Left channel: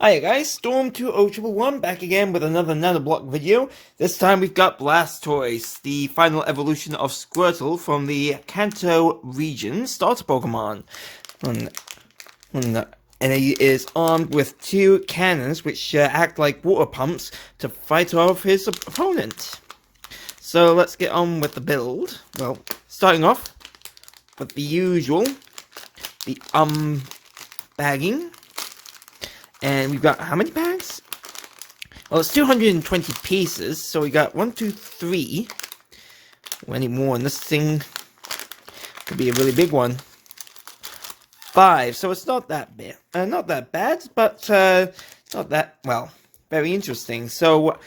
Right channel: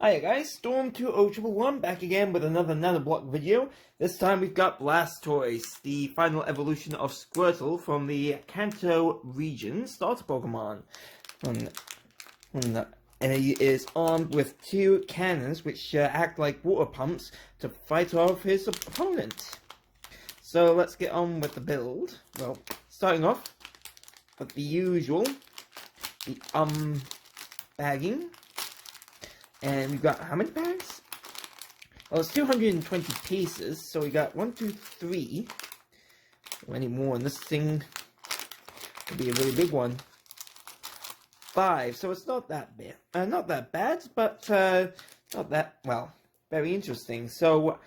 Hiya guys, Storm2011 back again with another Nanoblock video. This time we've got Blastoise, the final evolution of Squirtle from the Kanto region starter Pokemon. And, and he is armed with two cannons which act like water pumps to fight off his opponent. So let's get on with the build. Well, starting off with the usual, the bagging. And we've got how many bags? Well, it's 220 pieces, so we got 1, 2, 3. Any more, and this thing could be a really big one. 5, so it's not that bad. Not that bad, but not that, well, very interesting. So,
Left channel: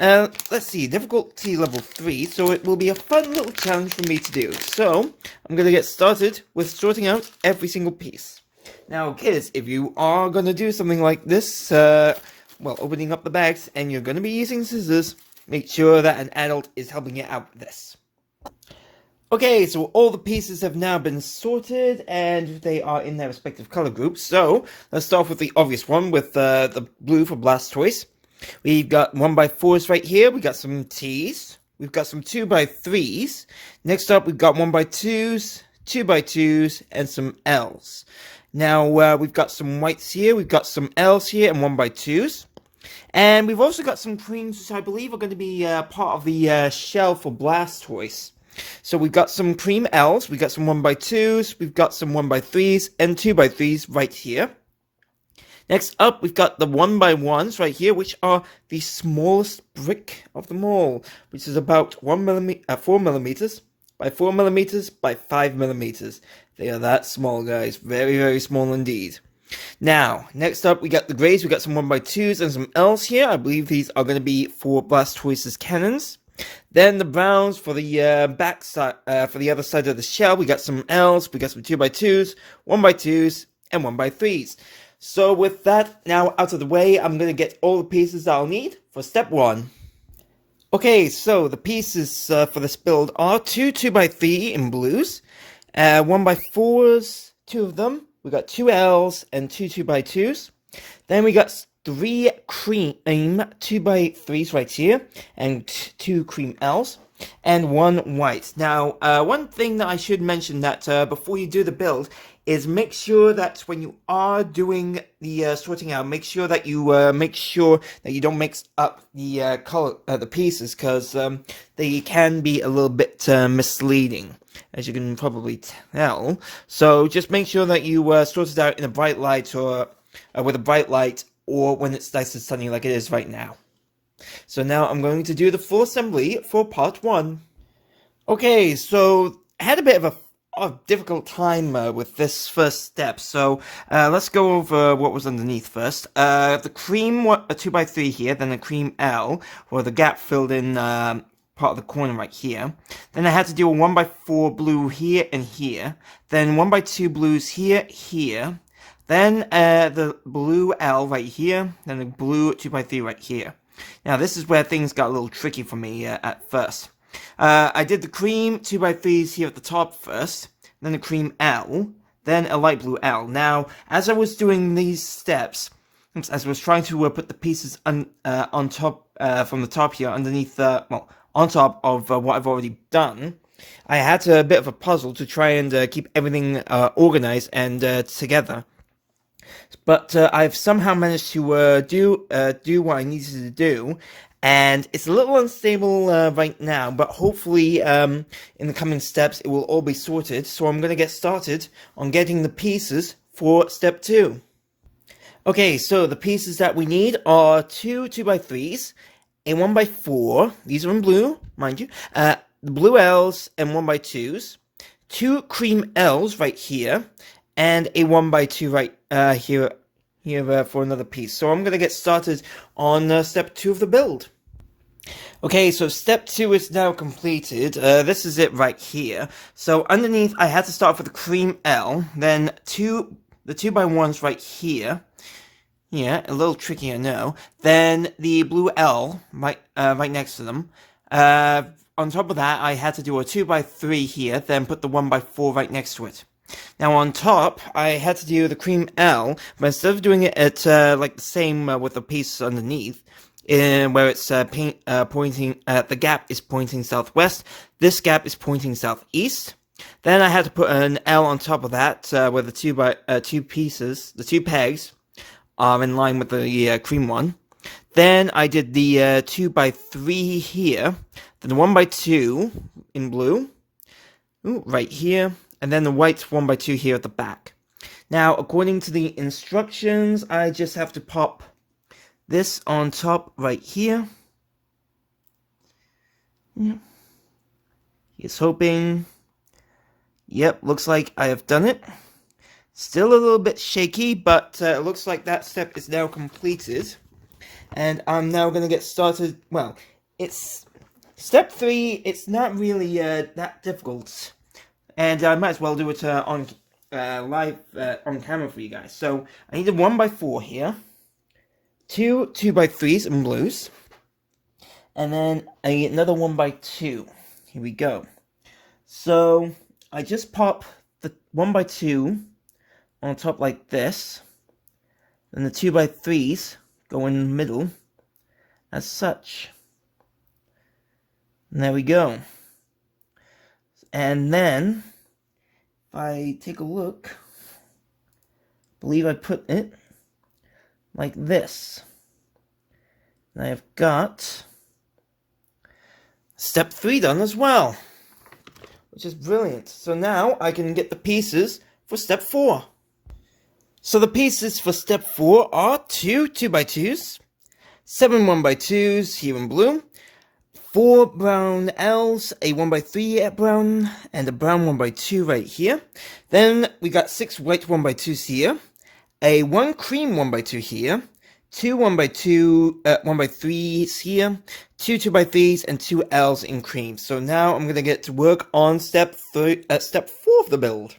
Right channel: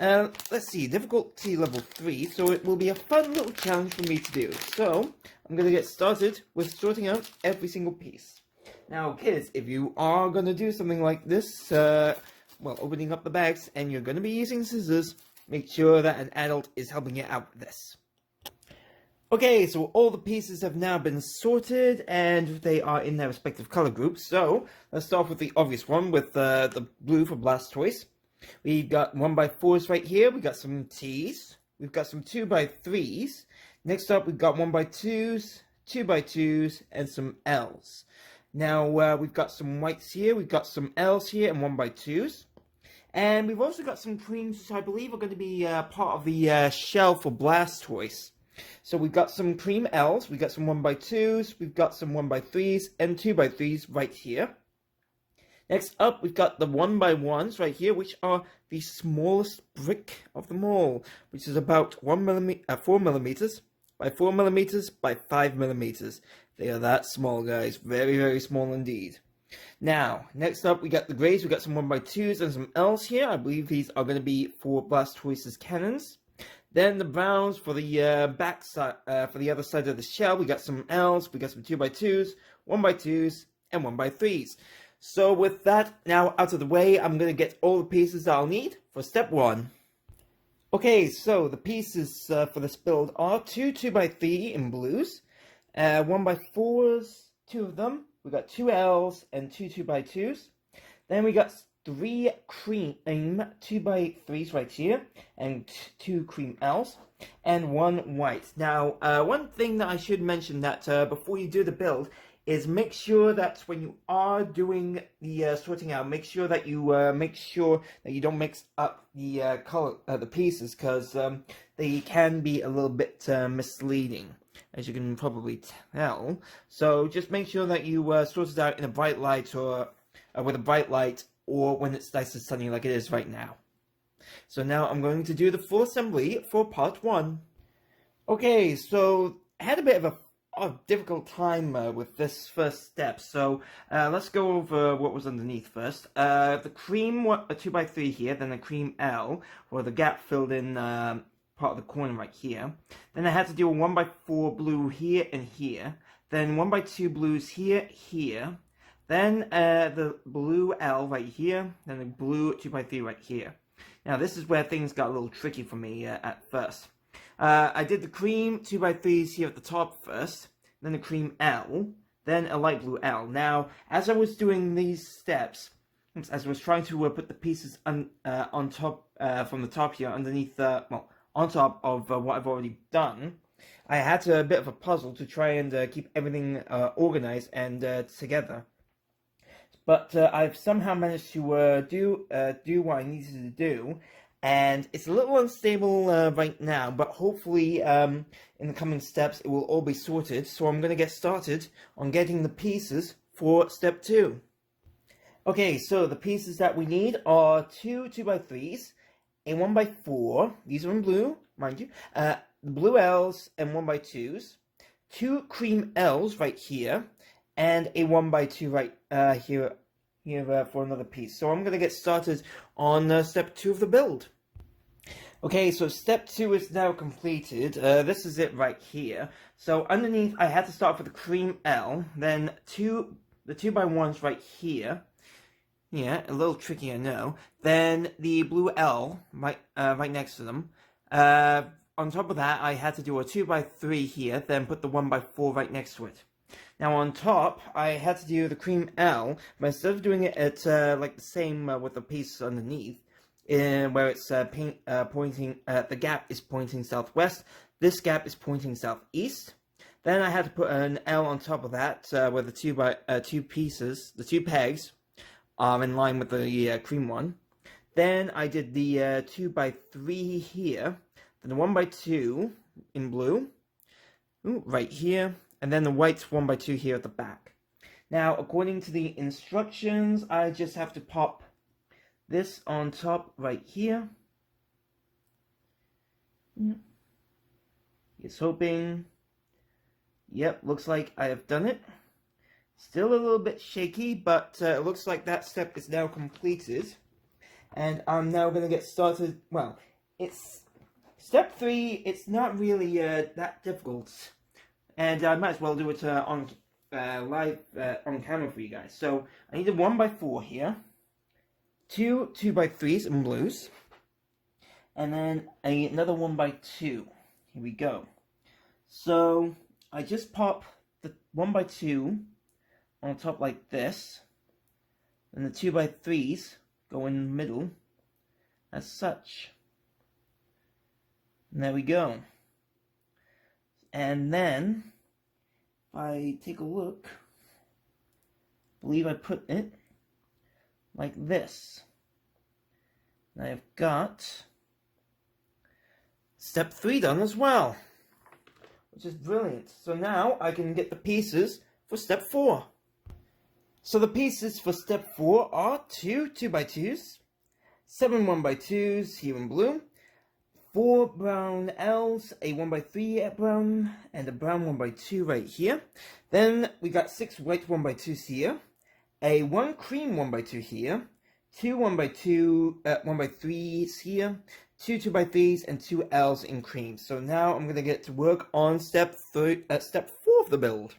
let's see, difficulty level 3, so it will be a fun little challenge for me to do. So, I'm going to get started with sorting out every single piece. Now, kids, if you are going to do something like this, well, opening up the bags, and you're going to be using scissors, make sure that an adult is helping you out with this. Okay, so all the pieces have now been sorted, and they are in their respective color groups. So, let's start with the obvious one, with the blue for Blastoise. We've got 1x4s right here, we got some T's, we've got some 2x3s. Next up, we've got 1x2s, 2x2s, and some L's. Now, we've got some whites here, we've got some L's here, and 1x2s. And we've also got some creams, which I believe are going to be part of the shell for Blastoise. So we've got some cream L's, we've got some 1x2s, we've got some 1x3s, and 2x3s right here. Next up, we've got the 1x1s right here, which are the smallest brick of them all, which is about 4 millimeters by 4 millimeters by 5 millimeters. They are that small, guys. Very, very small indeed. Now, next up, we got the grays. We got some 1x2s and some L's here. I believe these are going to be for Blastoise's cannons. Then the browns for the back side, for the other side of the shell. We got some L's. We got some 2x2s, 1x2s, and 1x3s. So with that now out of the way, I'm going to get all the pieces that I'll need for step 1. Okay, so the pieces for this build are 2 2x3 in blues. 1x4s, 2 of them. We got 2 L's and 2 2x2s. Then we got 3 cream 2x3s right here, and 2 cream L's, and 1 white. Now, one thing that I should mention that before you do the build is make sure that when you are doing the sorting out, make sure that you don't mix up the color the pieces, because they can be a little bit misleading, as you can probably tell. So just make sure that you sort it out in a bright light, or with a bright light, or when it's nice and sunny like it is right now. So now I'm going to do the full assembly for part 1. Okay, so I had a bit of a difficult time with this first step, so let's go over what was underneath first. The cream 2x3 here, then the cream L, or the gap filled in part of the corner right here. Then I had to do a 1x4 blue here and here, then 1x2 blues here, here, then the blue L right here, then the blue 2x3 right here. Now this is where things got a little tricky for me at first. I did the cream 2x3s here at the top first, then the cream L, then a light blue L. Now, as I was doing these steps, as I was trying to put the pieces on top, from the top here, underneath, well, on top of what I've already done, I had a bit of a puzzle to try and keep everything organized and together. But I've somehow managed to do what I needed to do, and it's a little unstable right now, but hopefully in the coming steps it will all be sorted. So I'm going to get started on getting the pieces for step 2. Okay, so the pieces that we need are 2 2x3s, a 1x4, these are in blue, mind you, the blue L's and 1x2s, 2 cream L's right here, and a 1x2 right here for another piece. So I'm going to get started on step 2 of the build. Okay, so step 2 is now completed. This is it right here. So underneath, I had to start with the cream L, then the 2x1s right here. Yeah, a little tricky, I know. Then the blue L right next to them. On top of that, I had to do a 2x3 here, then put the 1x4 right next to it. Now on top, I had to do the cream L, but instead of doing it at like the same with the piece underneath, where it's pointing, the gap is pointing southwest, this gap is pointing southeast. Then I had to put an L on top of that, where the two pieces, the two pegs, are in line with the cream one. Then I did the 2x3 here, then the 1x2 in blue, right here, and then the white 1x2 here at the back. Now, according to the instructions, I just have to pop this on top right here. Here's hoping. Yep, looks like I have done it. Still a little bit shaky, but it looks like that step is now completed. And I'm now going to get started. Well, it's step 3. It's not really that difficult. And I might as well do it on live on camera for you guys. So I need a 1x4 here. 2x3s in blues. And then another 1x2. Here we go. So I just pop the 1x2 on top like this. And the 2x3s go in the middle as such. And there we go. And then if I take a look, I believe I put it like this. And I've got step 3 done as well, which is brilliant. So now I can get the pieces for step 4. So the pieces for step 4 are 2 2x2s, 7 1x2s here in blue, 4 brown L's, a 1x3 brown, and a brown 1x2 right here. Then we got 6 white 1x2s here, a 1 cream 1x2 here, 2 1x3s here, 2 2x3s, and 2 L's in cream. So now I'm gonna get to work on step 4 of the build.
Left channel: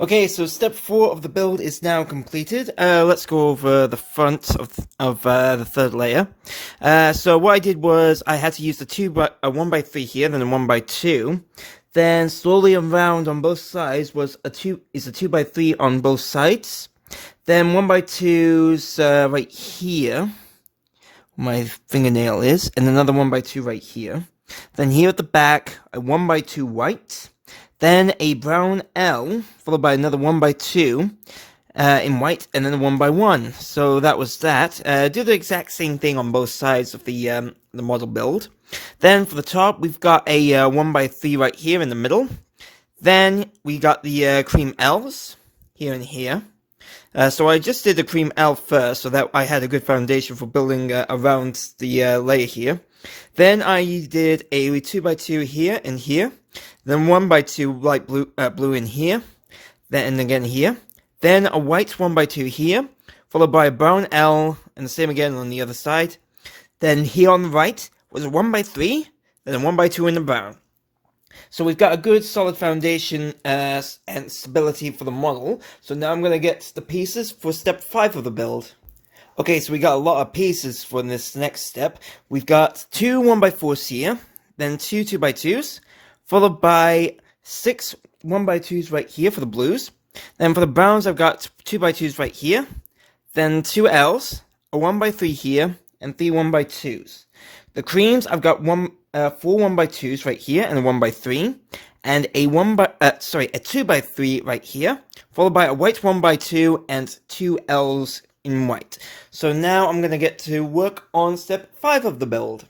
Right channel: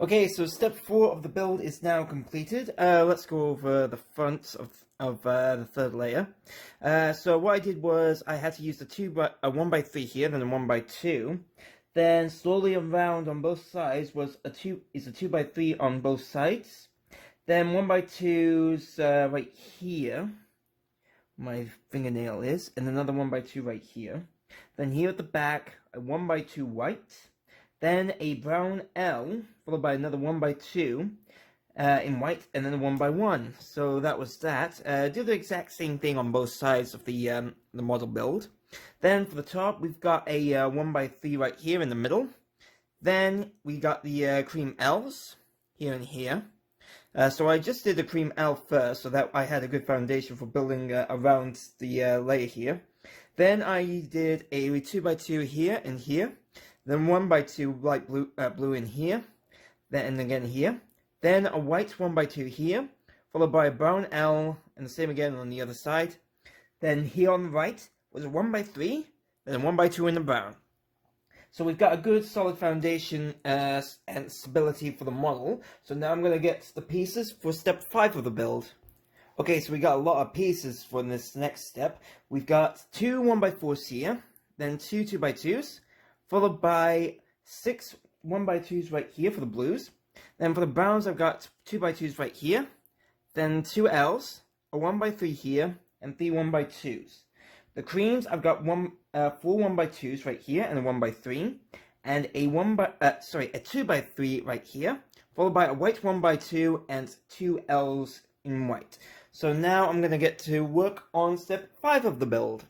Okay, so step 4 of the build is now completed. Let's go over the front of the third layer. So what I did was I had to use the 1x3 here, then a 1x2. Then slowly around on both sides was a 2x3 on both sides. Then 1x2's right here, where my fingernail is, and another 1x2 right here. Then here at the back, a 1x2 white. Then a brown L, followed by another 1x2 in white, and then a 1x1. So that was that. Do the exact same thing on both sides of the model build. Then for the top, we've got a 1x3 right here in the middle. Then we got the cream L's here and here. So I just did the cream L first, so that I had a good foundation for building around the layer here. Then I did a 2x2 here and here. Then 1x2 light blue in here, then again here. Then a white 1x2 here, followed by a brown L, and the same again on the other side. Then here on the right was a 1x3, then a 1x2 in the brown. So we've got a good solid foundation and stability for the model. So now I'm going to get the pieces for step 5 of the build. Okay, so we got a lot of pieces for this next step. We've got 2 1x4s here, then 2 2x2s. Followed by 6 1x2s right here for the blues. Then for the browns, I've got 2x2s right here. Then 2 L's, a 1x3 here, and 3 1x2s. The creams, I've got 4 1x2s right here and a 1x3. And a 2x3 right here. Followed by a white 1x2 and 2 L's in white. So now I'm going to get to work on step 5 of the build.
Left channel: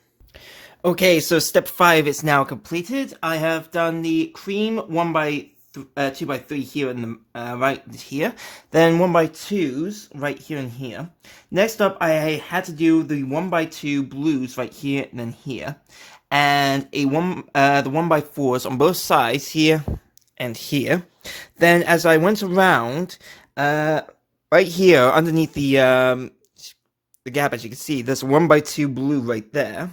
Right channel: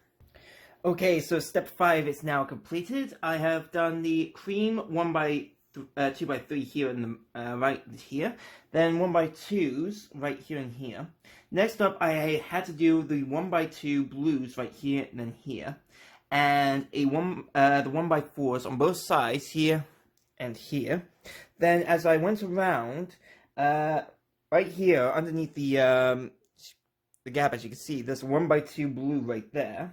Okay, so step 5 is now completed. I have done the cream 2x3 here and the right here, then 1x2s right here and here. Next up, I had to do the 1x2 blues right here and then here, and the 1x4s on both sides here and here. Then as I went around, right here underneath the gap, as you can see, there's a 1x2 blue right there.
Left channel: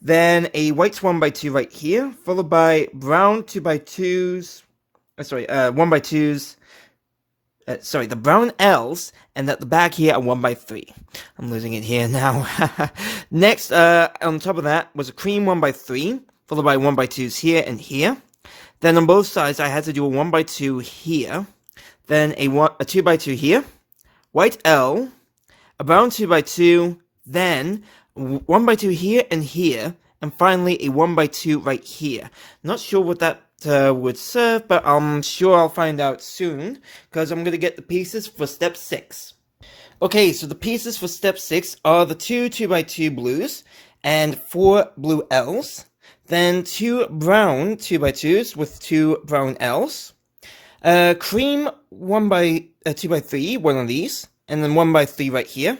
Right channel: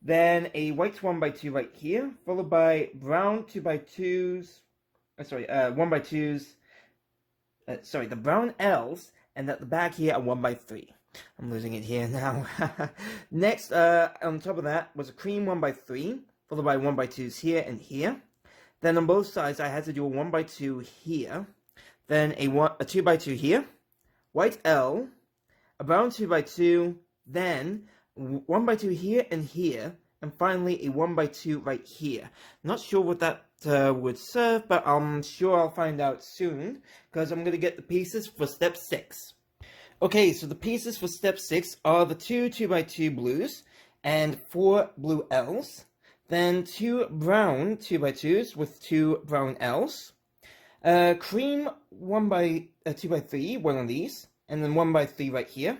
Then a white 1x2 right here, followed by brown 2x2s, 1x2s, the brown L's, and at the back here a 1x3. I'm losing it here now. Next, on top of that was a cream 1x3, followed by 1x2s here and here. Then on both sides, I had to do a 1x2 here, then a 2x2 here, white L, a brown 2x2, then 1x2 here and here, and finally a 1x2 right here. Not sure what that would serve, but I'm sure I'll find out soon, because I'm going to get the pieces for step 6. Okay, so the pieces for step 6 are the 2x2 blues, and 4 blue L's, then 2 brown 2x2s with 2 brown L's, cream 2x3, one of these, and then 1x3 right here,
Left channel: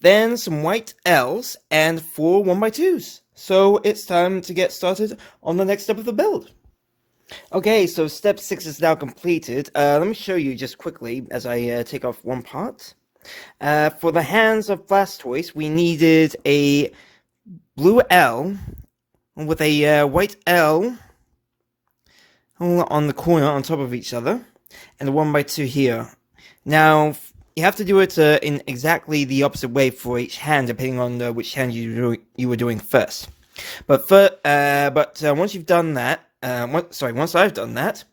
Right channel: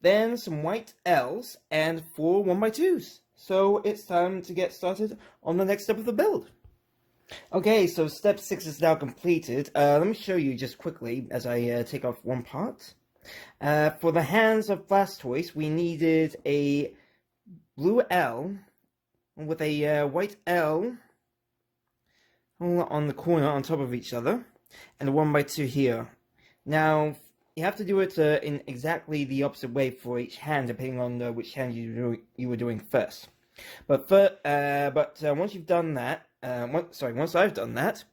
then some white L's, and 4 1x2s. So it's time to get started on the next step of the build. Okay, so step 6 is now completed. Let me show you just quickly as I take off one part. For the hands of Blastoise, we needed a blue L with a white L on the corner on top of each other, and a 1x2 here. Now, you have to do it in exactly the opposite way for each hand, depending on which hand you were doing first. But once you've done that, once I've done that,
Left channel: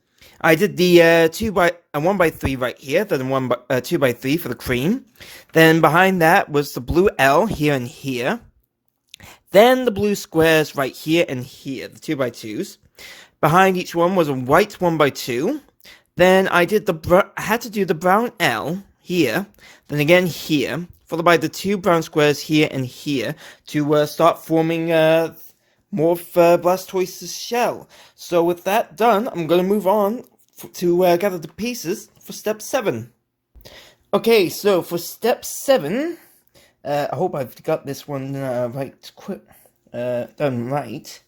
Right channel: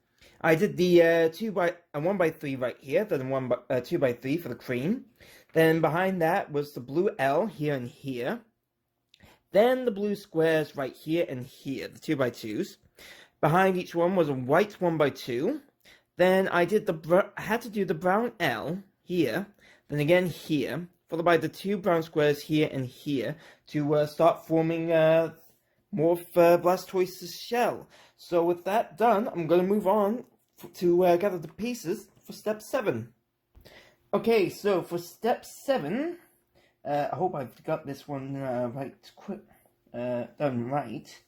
I did the 1x3 right here, then 2x3 for the cream. Then behind that was the blue L here and here. Then the blue squares right here and here, the 2x2s. Behind each one was a white 1x2. Then I had to do the brown L here, then again here, followed by the 2 brown squares here and here to start forming more of Blastoise's shell. So with that done, I'm going to move on to gather the pieces for step 7. Okay, so for step 7, I hope I've got this one done right.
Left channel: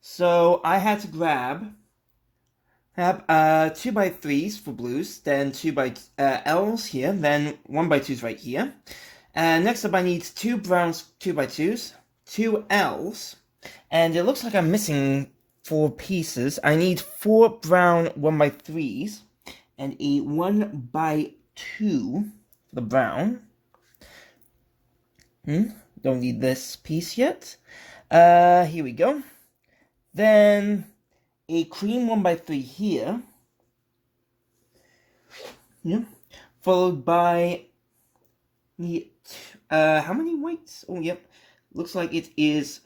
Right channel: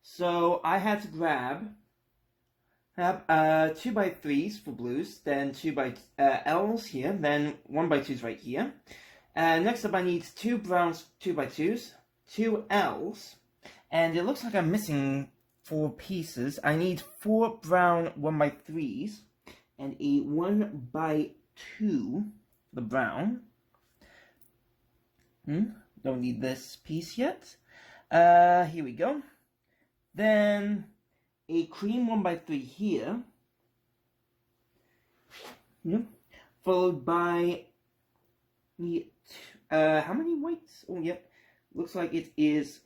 So I had to grab 2x3s for blues, then 2x L's here, then 1x2s right here. Next up I need 2 browns 2x2s, 2 L's, and it looks like I'm missing 4 pieces. I need 4 brown 1x3s, and a 1x2 for the brown. Don't need this piece yet. Here we go. Then a cream 1x3 here, followed by the how many whites? Oh, yep, looks like it is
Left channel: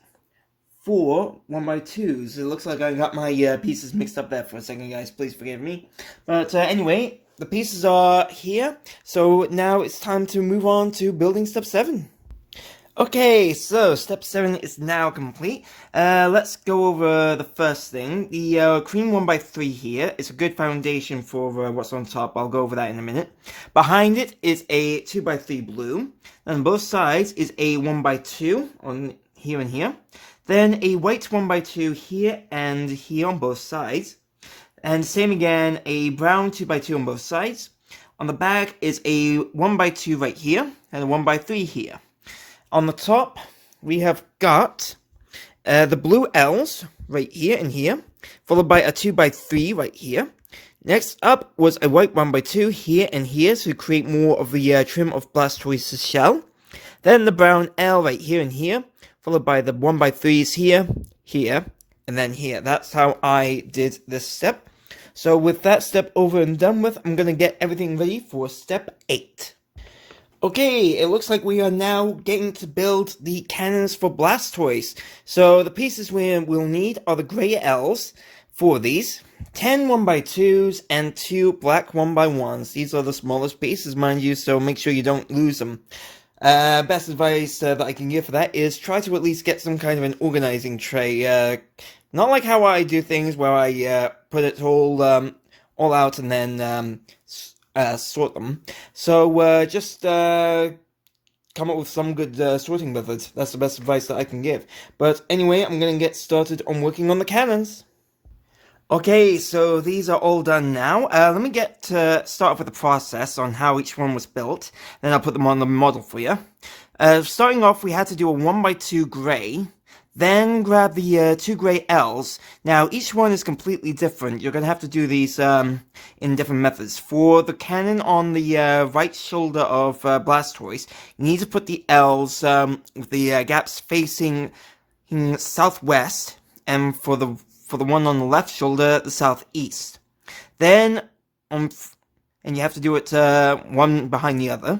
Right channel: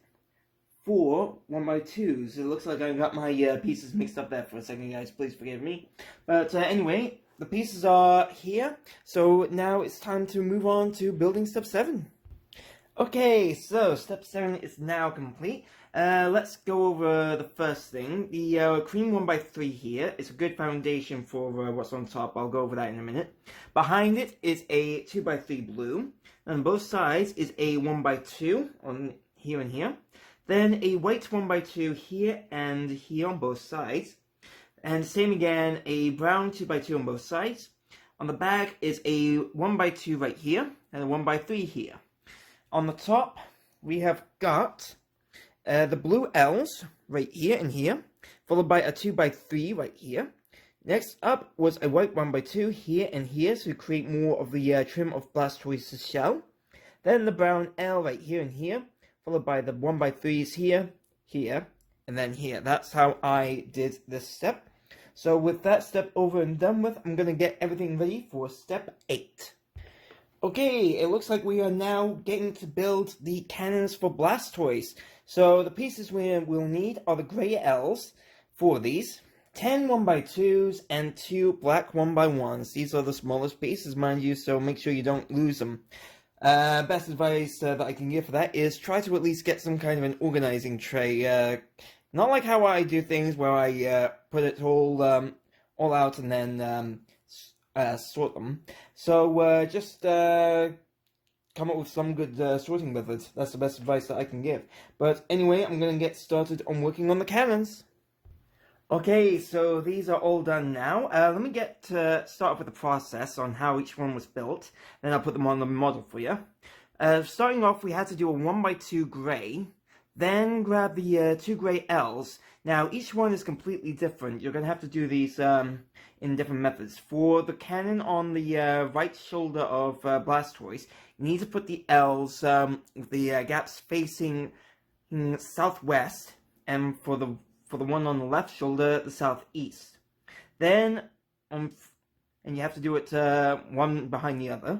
4 1x2s. It looks like I got my pieces mixed up there for a second, guys. Please forgive me. But anyway, the pieces are here, so now it's time to move on to building step 7. Okay, so step 7 is now complete. Let's go over the first thing. The cream 1x3 here is a good foundation for what's on top. I'll go over that in a minute. Behind it is a 2x3 blue. On both sides is a 1x2 on here and here. Then a white 1x2 here and here on both sides. And same again, a brown 2x2 on both sides. On the back is a 1x2 right here and a 1x3 here. On the top, we have got the blue L's right here and here, followed by a 2x3 right here. Next up was a white 1x2 here and here to create more of the trim of Blastoise's shell. Then the brown L right here and here, followed by the 1x3s here, here, and then here. That's how I did this step. So with that step over and done with, I'm going to get everything ready for step 8. Okay, it looks like we are now getting to build the cannons for Blastoise. So the pieces we will need are the grey L's, 4 of these, 10 1x2s, and 2 black 1x1s. These are the smallest pieces, mind you, so make sure you don't lose them. Best advice that I can give for that is try to at least get some kind of an organizing tray. Not like how I do things where I put it all out and then sort them. So just come up with some good sorting methods. That's the best advice that I can give. But anyway, I'm going to get started on working on the cannons. Okay, so these are all done now. Let me start off with the process on how each one was built. Then I'll put them on the model for you. Starting off, we had to do a 1x2 grey. Then grab the 2 grey L's. Now, each one is completely different. You're going to have to do these in different methods. For the cannon on the right shoulder of Blastoise, you need to put the L's with the gaps facing southwest. And for for the one on the left shoulder, the southeast. Then, and you have to do it one behind the other.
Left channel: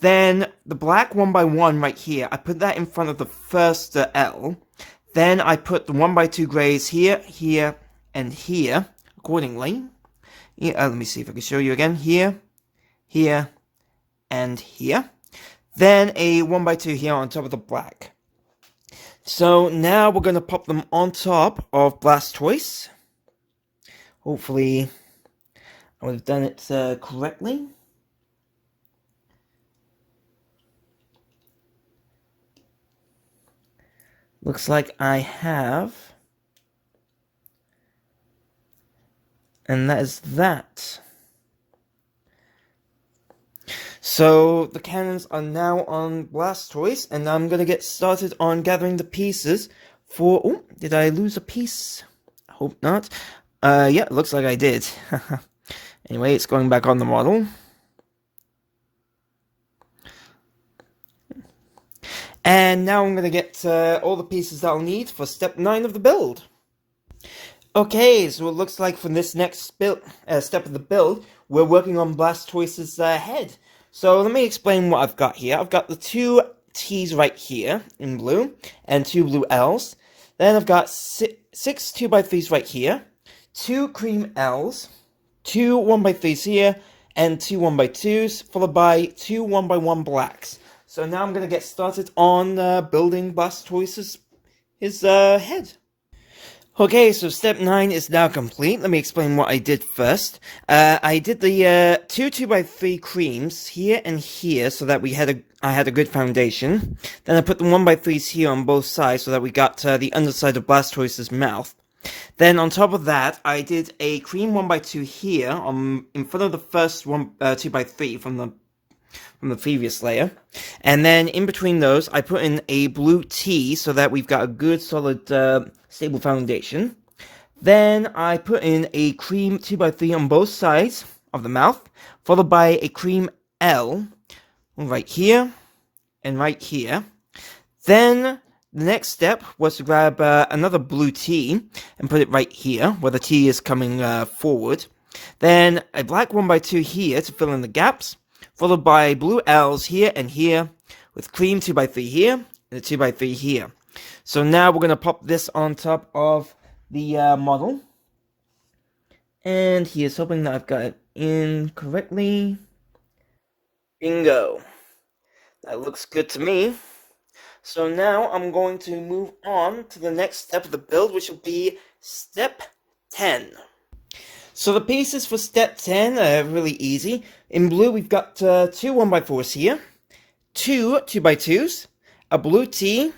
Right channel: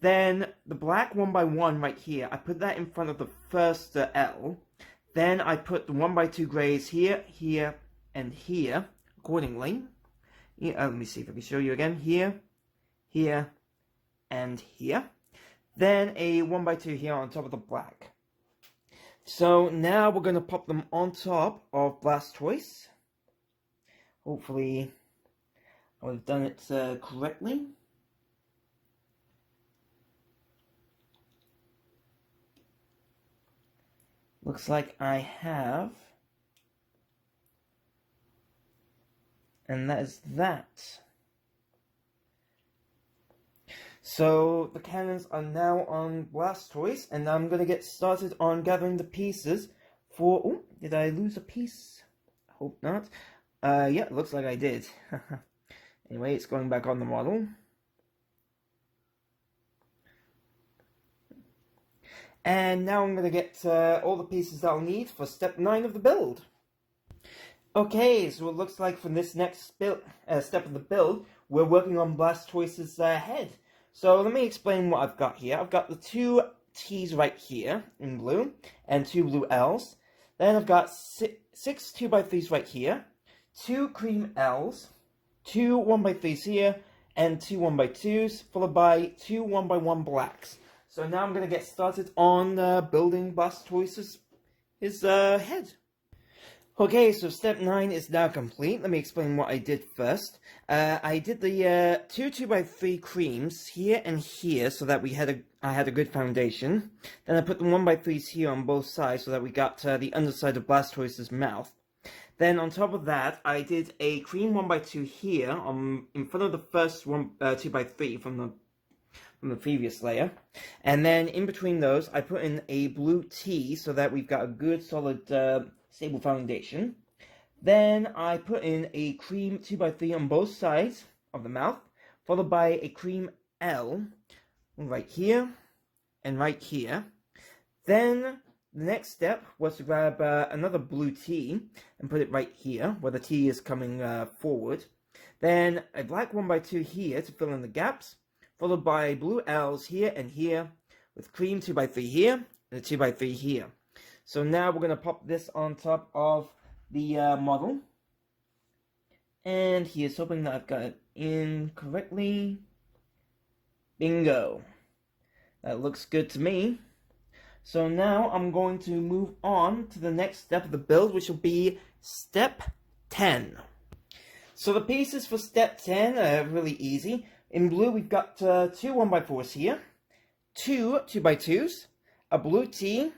Then the black 1x1 right here, I put that in front of the first L. Then I put the 1x2 grays here, here, and here, accordingly. Yeah, let me see if I can show you again. Here, here, and here. Then a 1x2 here on top of the black. So now we're going to pop them on top of Blastoise. Hopefully I would have done it correctly. Looks like I have. And that is that. So the cannons are now on Blastoise, and I'm going to get started on gathering the pieces for... Oh, did I lose a piece? I hope not. Yeah, it looks like I did. Anyway, it's going back on the model. And now I'm going to get all the pieces that I'll need for step 9 of the build. Okay, so it looks like for this next step of the build, we're working on Blastoise's head. So let me explain what I've got here. I've got the 2 T's right here in blue, and 2 blue L's. Then I've got 6 2x3s right here, 2 cream L's, 2 1x3s here, and 2 1x2s, followed by 2 1x1 blacks. So now I'm going to get started on building Blastoise's head. Okay, so step 9 is now complete. Let me explain what I did first. I did the 2 2x3 creams here and here so that I had a good foundation. Then I put the 1x3s here on both sides so that we got the underside of Blastoise's mouth. Then on top of that, I did a cream 1x2 here in front of the first 2x3 from the previous layer. And then in between those, I put in a blue T so that we've got a good solid stable foundation. Then I put in a cream 2x3 on both sides of the mouth, followed by a cream L right here and right here. Then the next step was to grab another blue T and put it right here, where the T is coming forward. Then a black 1x2 here to fill in the gaps, followed by blue L's here and here, with cream 2x3 here, and a 2x3 here. So now we're going to pop this on top of the model. And here's hoping that I've got it in correctly. Bingo. That looks good to me. So now I'm going to move on to the next step of the build, which will be step 10. So the pieces for step 10 are really easy. In blue, we've got 2 1x4s here, 2 2x2s, a blue T,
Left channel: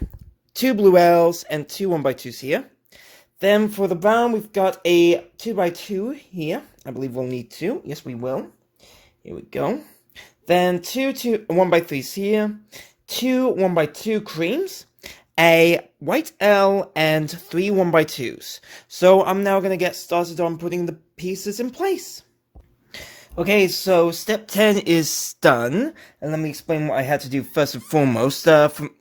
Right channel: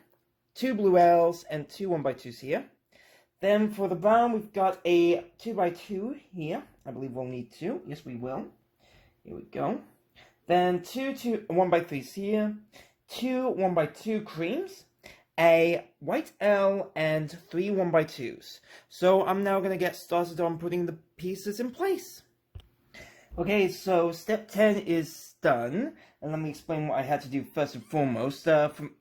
2 blue L's, and 2 1x2s here. Then for the brown, we've got a 2x2 here. I believe we'll need 2. Yes, we will. Here we go. Then 2 1x3s here, 2 1x2 creams, a white L, and 3 1x2s. So I'm now going to get started on putting the pieces in place. Okay, so step 10 is done, and let me explain what I had to do first and foremost.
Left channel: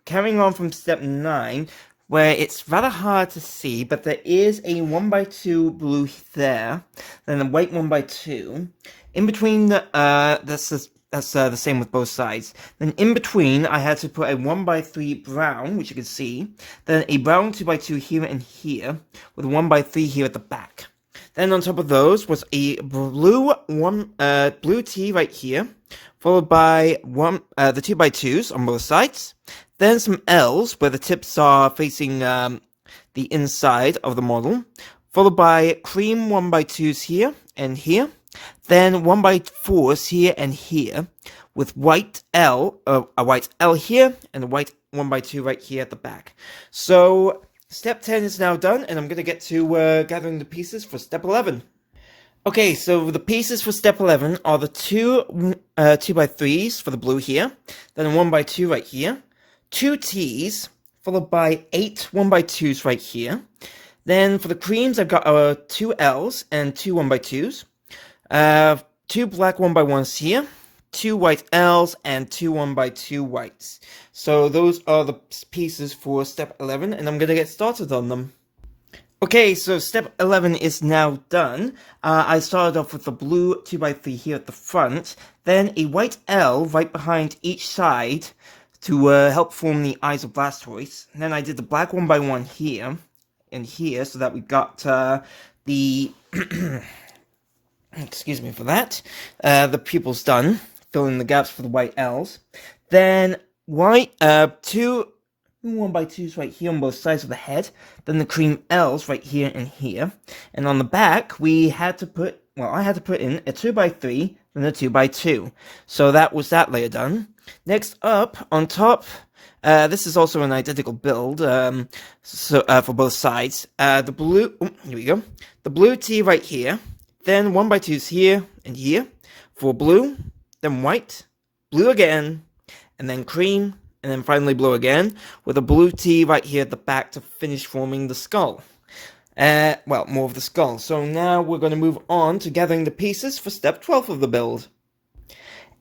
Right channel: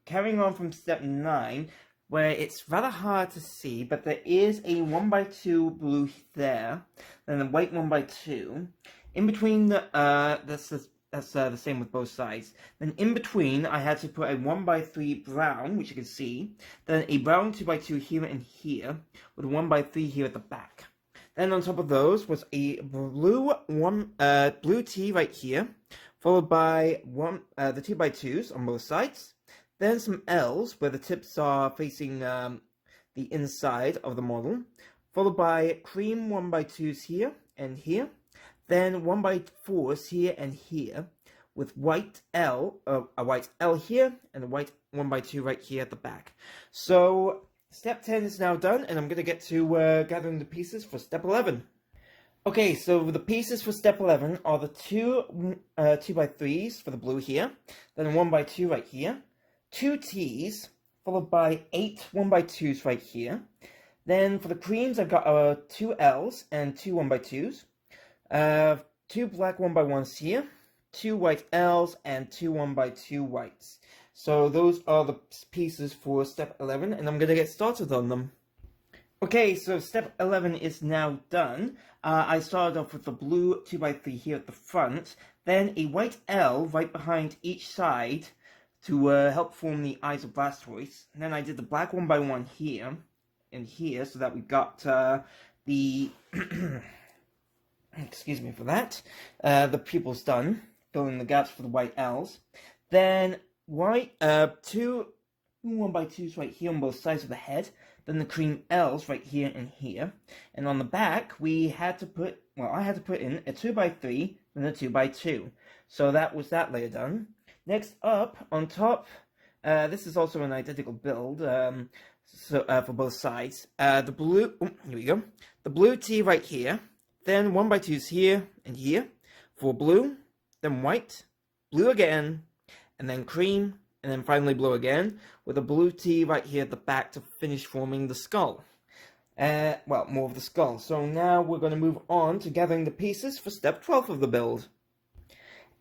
Carrying on from step 9, where it's rather hard to see, but there is a 1x2 blue there, then a white 1x2. In between, that's the same with both sides. Then in between, I had to put a 1x3 brown, which you can see, then a brown 2x2 here and here, with a 1x3 here at the back. Then on top of those was a blue T right here, followed by the 2x2s on both sides. Then some L's where the tips are facing the inside of the model, followed by cream 1x2s here and here. Then 1x4s here and here, with white L, a white L here, and a white 1x2 right here at the back. So step 10 is now done, and I'm going to get to gathering the pieces for step 11. Okay, so the pieces for step 11 are the 2 2x3s for the blue here, then a 1x2 right here, 2 T's, followed by 8 1x2s right here. Then for the creams, I've got 2 L's and 2 1x2s. 2 black 1x1s here, 2 white L's, and 2 1x2 whites. So those are the pieces for step 11, and I'm going to get started on them. Okay, so step 11 is now done. I started off with the blue 2x3 here at the front, then a white L right behind each side to help form the eyes of Blastoise. And then I did the black 1x1 here and here, so that we got the excuse me for that, the pupils done, filling the gaps for the white L's. Then white, two 1x2s right here on both sides of the head, then the cream L's right here and here. And on the back, we had to put, well, I had to put in a 2x3, then a 2x2. So that was that layer done. Next up, on top, this is also an identical build, for both sides. The blue, here we go. The blue T right here, then 1x2s here and here for blue, then white, blue again, and then cream, and then finally blue again, with a blue T right here at the back to finish forming the skull. Well, more of the skull. So now we're going to move on to gathering the pieces for step 12 of the build.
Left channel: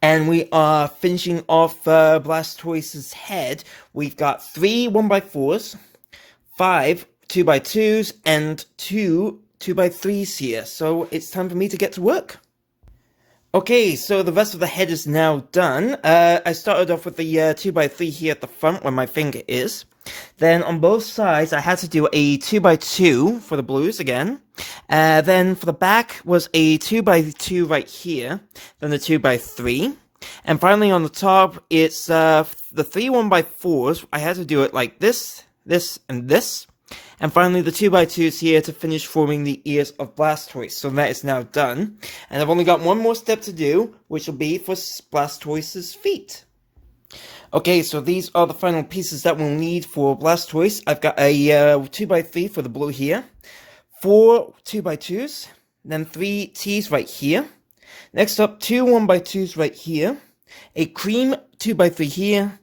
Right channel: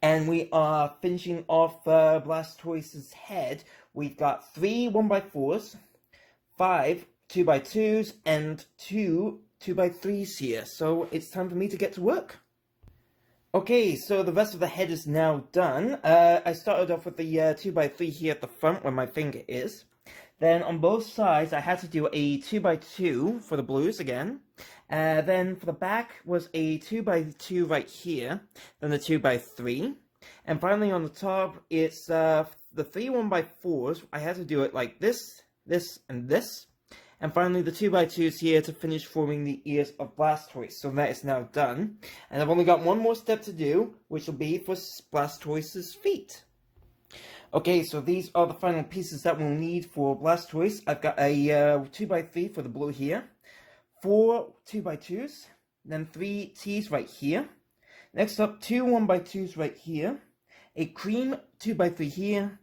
And we are finishing off Blastoise's head. We've got 3 1x4s, 5 2x2s, and 2 2x3s here. So it's time for me to get to work. Okay, so the rest of the head is now done. I started off with the 2x3 here at the front where my finger is. Then on both sides, I had to do a 2x2 for the blues again. Then for the back was a 2x2 right here, then the 2x3. And finally on the top, it's the 3 1x4s. I had to do it like this, this, and this. And finally the 2x2s here to finish forming the ears of Blastoise. So that is now done. And I've only got one more step to do, which will be for Blastoise's feet. Okay, so these are the final pieces that we'll need for Blastoise. I've got a 2x3 for the blue here, 4 2x2s, then 3 T's right here. Next up, 2 1x2s right here, a cream 2x3 here,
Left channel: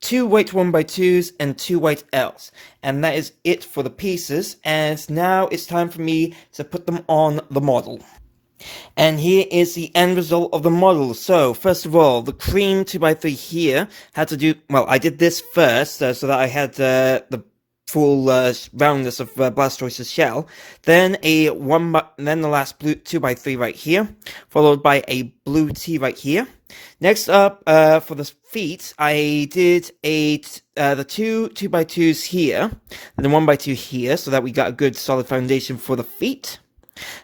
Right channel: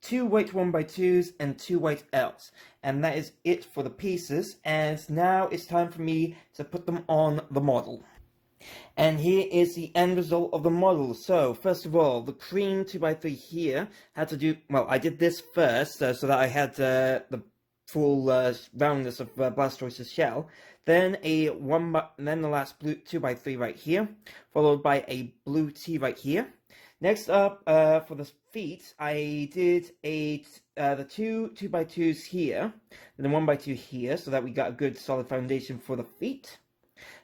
2 white 1x2s, and 2 white L's. And that is it for the pieces, and now it's time for me to put them on the model. And here is the end result of the model. So, first of all, the cream 2x3 here had to do, well, I did this first, so that I had the full roundness of Blastoise's shell. Then then the last blue 2x3 right here, followed by a blue T right here. Next up, for the feet, I did the 2 2x2s here, and then 1x2 here, so that we got a good solid foundation for the feet.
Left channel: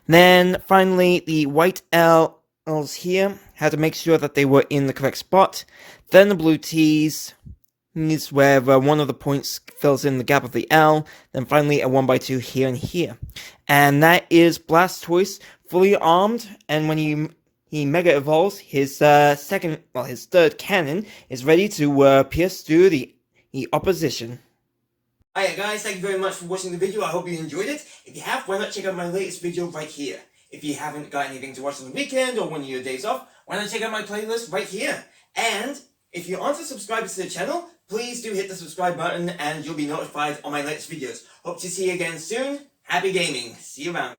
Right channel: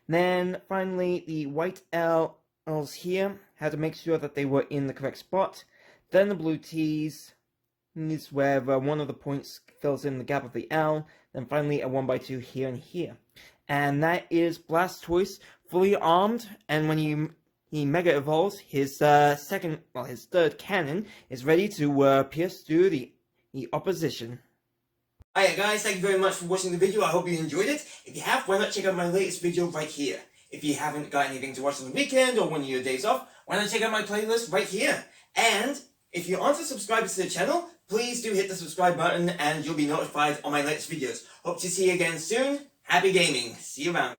Then finally, the white L's here, had to make sure that they were in the correct spot. Then the blue T's is where one of the points fills in the gap of the L. Then finally a 1x2 here and here. And that is Blastoise fully armed, and when he mega evolves, his third cannon is ready to pierce through the opposition. Hiya guys, thank you very much for watching the video. I hope you enjoyed it. If you have, why not check out my latest video right here. If you haven't got anything to watch on the weekend or one of your days off, why not check out my playlist right here. And if you aren't a subscriber to the channel, please do hit the subscribe button and you'll be notified on my latest videos. Hope to see you again soon. Happy gaming. See you around.